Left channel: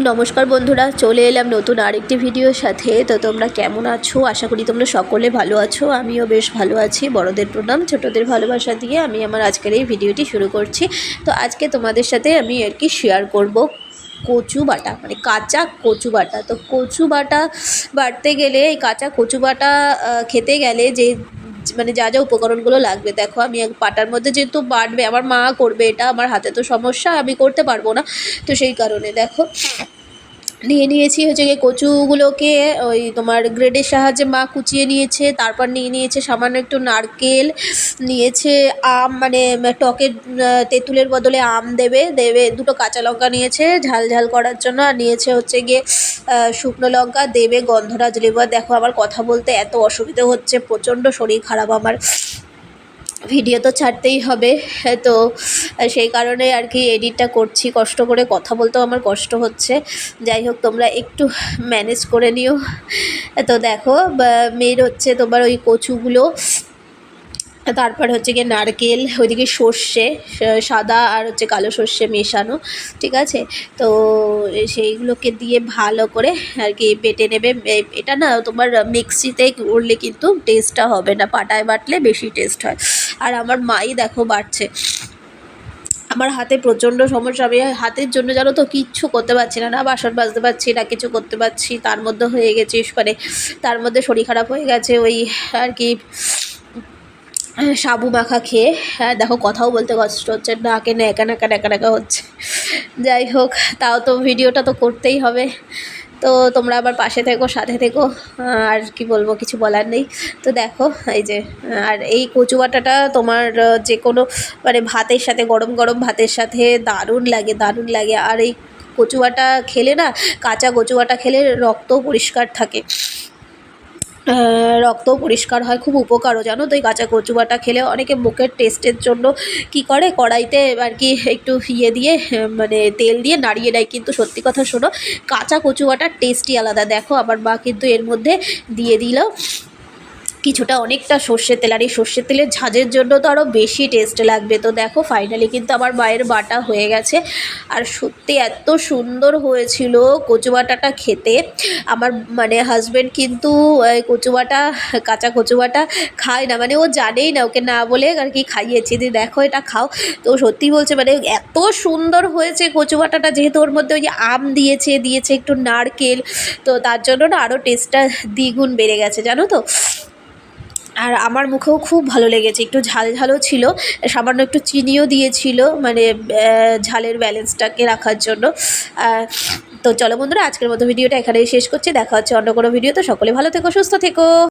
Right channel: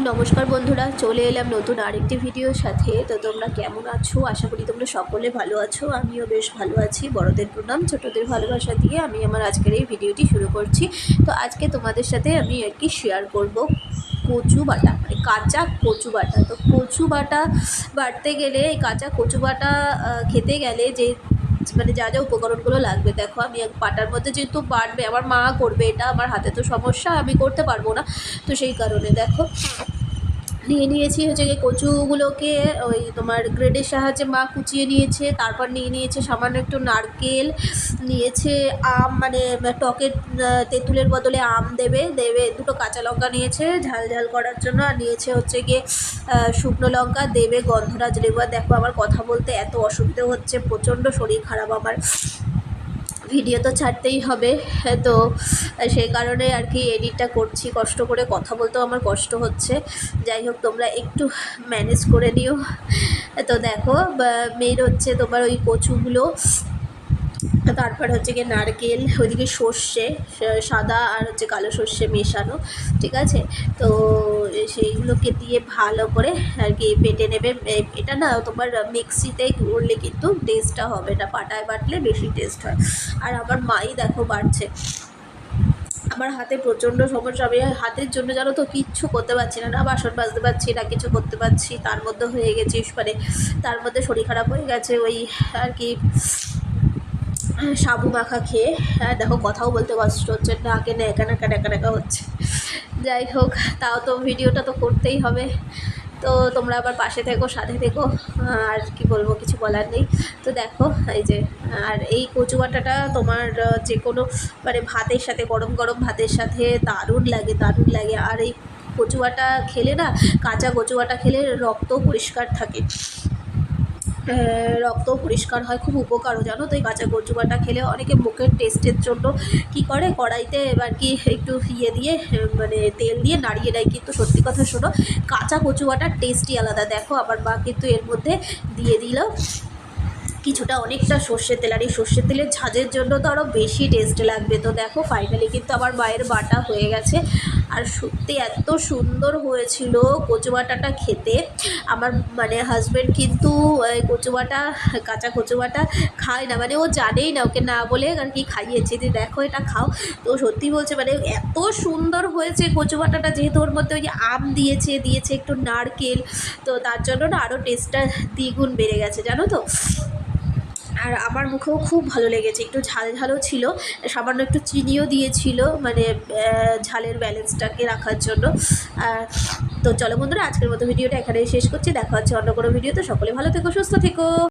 নমস্কার বন্ধুরা, চলে এলাম নতুন আরেকটি ভিডিওর সাথে। তো তোমরা কেমন আছো? আশা করি তোমরা সকলে ভালো আছো। আমিও বেশ ভালো আছি। বড়দের প্রণাম, ছোটদের ভালোবাসা দিয়ে আমি আমার আজকের এই ভিডিওটি শুরু করছি। তো আজকে তোমাদের সাথে আমি আর কি শেয়ার করব কচু বাটা, মানে কাঁচা কচু বাটা। তো কচু বাটা বাটতে গেলে, এই কাঁচা কচু বাটা খেতে গেলে যে মানে যা যা উপকরণগুলো লাগবে, দেখো আমি এক পাটার মধ্যে যেহেতু বাটবে, আমার মা করবে এটা, আমার হাতে তো সমস্যা, আমি করতে পারবো না। তো সেই কারণে দেখো নিয়ে নিয়েছি হচ্ছে গিয়ে কচুগুলোকে ওই তোমার গ্রেডের সাহায্যে মা কুচিয়ে নিয়েছে। তারপর নিয়ে নিয়েছে সামান্য একটু নারকেল, নিয়েছে আম, মানে টকের তেঁতুলের বদলে আম দেবে দেবে, দুটো কাঁচা লঙ্কা নিয়েছে ঝাল ঝাল করার জন্য, আর নিয়েছে হচ্ছে গিয়ে শুকনো লঙ্কা দেবে, গন্ধরাজ লেবু। আর দেখো আমার কথা বলতে এত অসুবিধে হচ্ছে, প্রচণ্ড শরীর খারাপ আমার, ভিডিও তো ছাড়তেই হবে। তো সেই কারণে আর কি এডিটটা করছি, কষ্ট করে কথা বলতেও আমার কষ্ট হচ্ছে। যাই হোক, তোমরা একটু ম্যানেজ করে নিও। তো দেখো মেয়ের হচ্ছে তোমার ওই কচুগুলো, তারপর হচ্ছে গিয়ে নারকেল, ওইদিকে সর্ষে, সাদা আর হচ্ছে কালো সর্ষে মেশানো, ঠিক আছে। তো সেইগুলোকে দিয়ে ভালো করে আর কি বেটে নেবে। এটা না তোমার মিক্সিতে করলে কিন্তু টেস্টটা হবে না, পাটায় বাটলে বেশি টেস্ট হয়। আর আমার মাই দেখো বাটছে, আমার হাতে প্রচণ্ড সমস্যা। আমি হাতের জন্য জানো তো কিচ্ছু করতে পারছি না, না বাসন মাজতে পারছি না, কিছু করতে পারছি। তার মধ্যে হয়ে গেছে মানে তার মধ্যে শরীর খারাপ হয়ে গেছে ওই আর কি সাবু মাখা খেয়ে। হ্যাঁ দেখো, কথাও বলতে কষ্ট হচ্ছে, নাকে ন্যাকা ন্যাকা ন্যাকা ন্যাকা হচ্ছে। যাই হোক, তাও তো ভিডিওটা তো করতেই হবে। তো তোমরা আবার পাশে থেকো, সাথে থেকো, আর কি বলবো, কিছু বলার নেই। তো দেখো এই যে, আর এই কচু বাটাটা তোমার যে কোনো মানে ভাতের সাথে, গরম গরম ভাতের সাথে দারুণ লাগে, দারুণ লাগে। আর এই কচু বাটা খেলে না, কাঁচা কচু বাটা খেলে রক্তও পরিষ্কার থাকে, রক্তও পরিষ্কার হয়, খুব উপকারও জানো তো এই কাঁচা কচু বাটা খেলে। অনেকে মুখের টেস্টের জন্য কি করে, কড়াইতে আর কি একটু দিয়ে মানে তেল দিয়ে নাড়িয়ে নেয়, কিন্তু সত্যি কথা শোনো, কাঁচা কচু বাটার টেস্টই আলাদা। দেখো আমার মা কিন্তু এর মধ্যে দিয়ে দিল কিছুটা, অনেকটা সর্ষের তেল, আর এই সর্ষের তেলের ঝাঁঝের জন্য তো আরও বেশি টেস্ট লাগবে। তো দেখো ফাইনালি কিন্তু আমার মায়ের বাটা হয়ে গেছে, আর সত্যি এত সুন্দর হয়েছিল কচু বাটাটা খেতে। আমার মানে হাজব্যান্ড কিন্তু কচু বাটা, কাঁচা কচু বাটা খায় না, মানে ও জানেই না, ওকে না বলে আর কি খাইয়েছি যে দেখো এটা খাও। তো সত্যি বলছে, মানে এত সুন্দর হয়েছে কচু বাটাটা, যেহেতু ওর মধ্যে ওই যে আম দিয়েছে একটু নারকেল, তো তার জন্য না আরও টেস্টটা দ্বিগুণ বেড়ে গেছে জানো তো। আর আমার মুখেও খুব ভালো লেগেছে, একটু ঝাল ঝালও ছিল, সামান্য একটু চিনিও দিয়েছিল, মানে ঝালের ব্যালেন্সটাকে রাখার জন্য। তো চলো বন্ধুরা, আজকের মতো ভিডিওটা এখানেই শেষ করছি। দেখা হচ্ছে অন্য কোনো ভিডিওতে। সকলে ভালো থেকো, সুস্থ থেকো।